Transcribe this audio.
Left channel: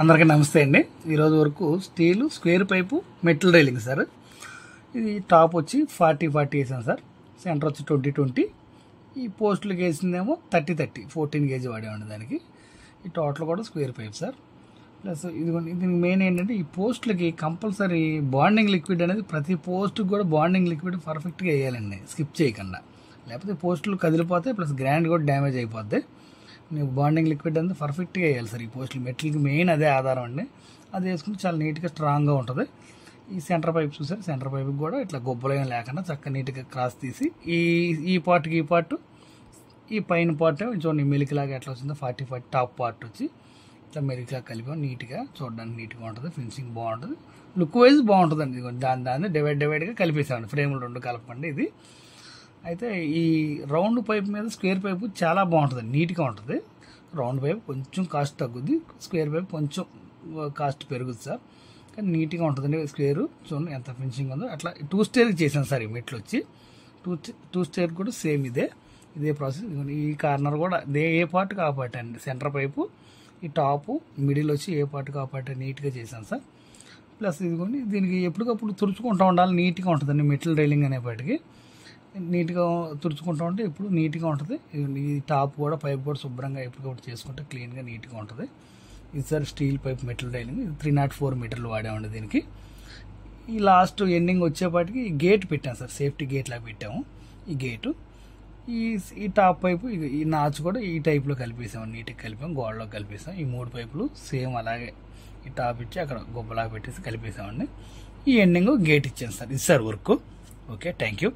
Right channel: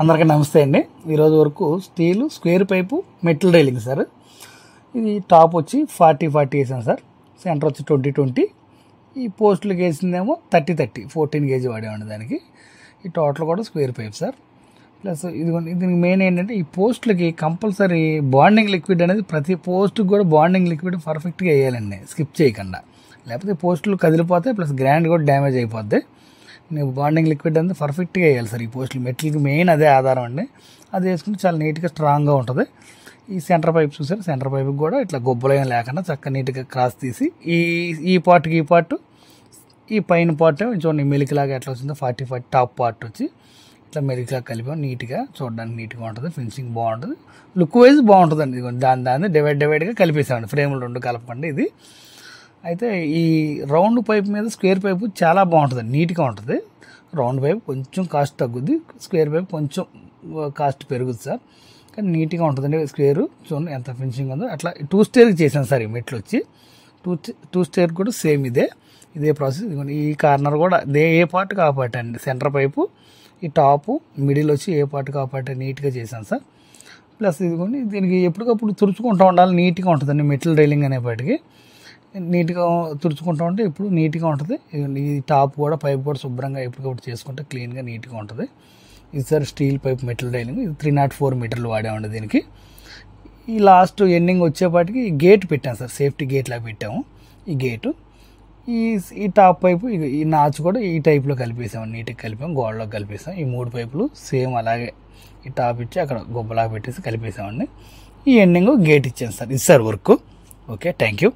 అందరికీ నమస్తే అండి. ఈరోజు వరకు steel square pipe metal railing sir. ఇది టాప్ వచ్చి 40 వేసాను సార్. సెంటర్ వచ్చి 20 ఈ పోస్టులకు వేసిందేమో 30 14 గేజ్ వాడేవాడి దానికి. ఈ టోటల్ కూడా స్క్వేర్ పైప్ సార్. ప్లస్ దీనికి మెయిన్ ఏంటంటే ఈ పోస్టులకి కంపల్సరీ బాండింగ్ లిక్విడ్ అనేది ప్రతి పోస్ట్కి కూడా బాండింగ్ లిక్విడ్ పర్ఫెక్ట్గా వేయాలండి, స్కిప్ చేయకుండా. లేకపోతే పోస్టులు కదిలిపోతాయి, ప్లస్ గ్రాండ్ కూడా డ్యామేజ్ అయిపోద్ది. ನೀವು బాండింగ్ లిక్విడ్ అనేది పర్ఫెక్ట్గా వేయాలి సార్. ఈ పోస్టులు మెటల్కి మెయిన్ అదే ఆధారం అండి. అది వేసుకుంటే చాలా నీట్గా స్ట్రాంగ్గా ఉంటుంది. ఈ సెంటర్ పైప్ చూసారు, సెంటర్ పైప్కి కూడా ఇట్లా గొబ్బలేం లేకుండా చక్కగా నీట్గా క్రాస్ తీసి ఈ పార్ట్కి ఈ పార్ట్, ఈ పైన పార్ట్ చూడండి మెలికలాగా ఎట్లా వచ్చిందో 40 టాప్ పార్ట్ వచ్చి ఇట్లా మెలికలాగా కలిపాం. నీట్గా చూడడానికి నీట్గా ఉంటుంది, ఫినిషింగ్ బాగుంటుంది, లుక్ వైజ్ బాగుంటుందండి. దాన్ని డివైడ్గా కలిపేసామండి, ఫ్రేములు రెండు కలపండి ఇది. అయితే ఈ రౌండ్ పైప్ మీద స్క్వేర్ పైపు చాలా బాగుంటుంది, నీట్గా ఉంటుంది. రౌండ్ పైప్ కొంచెం కాస్ట్ తగ్గుద్ది, స్క్వేర్ పైప్ కొంచెం కాస్ట్ పెరుగుద్ది సార్. కానీ నీట్గా ఉంటుందండి స్క్వేర్. చూడండి ఎంత ఫినిషింగ్ ఉందో. అట్లా 2 స్టేర్కి చేశాను సార్. ఈ మెట్లు వచ్చి 2 స్టేర్ కూడా సేమ్ ఇదే ప్రాసెస్. ఈ కార్నర్ కూడా ఏ పార్ట్ కాపాట అండి. సెంటర్ పైపు, ఈ టాపు, మిడిల్ వచ్చి ఏ పార్ట్ కాపాట నీట్గా చేశాను సార్. ప్లస్ ఇదిగోండి, దీనికి ఎప్పటికప్పుడు తుడుచుకుంటూ ఉండాలి, నీట్గా ఉంటుందండి. మెటల్ రైలింగ్ అనేపాటికి నీట్గా తుడుచుకుంటూ ఉంటే ఇప్పుడు నీట్గా ఉంటుంది. ఈ టాప్ కూడా పైప్ కూడా శుభ్రంగా ఎప్పటికప్పుడు చేసుకుంటే క్లీన్గా నీట్గా ఉంటుంది. ఇది sir steel pipe metal railing. ఇది 304 మీటర్లు వాడామండి దీనికి. ఈ లాస్ట్ ఎండింగ్ వచ్చేపాటికి గేట్ పెట్టాం సార్, సేఫ్టీ గేట్ లాగా పెట్టాము. ఈ గేటు ఈ టాప్ పైపు ఈ నాచ్ కూడా ఈ టైప్లో కలిపేసాము, నీట్గా కలిపాము, గోడలో కలిపేసాం. ఈ 3 పైపులు సేమ్ అలాగే ఈ టాప్ ఇచ్చి అక్కడ గొప్పలాగా పెట్టేసి కలిపేసామండి. ఈ ఎండింగ్ గేట్ ఇచ్చాను సార్. ఇది sir work. Okay, thank you.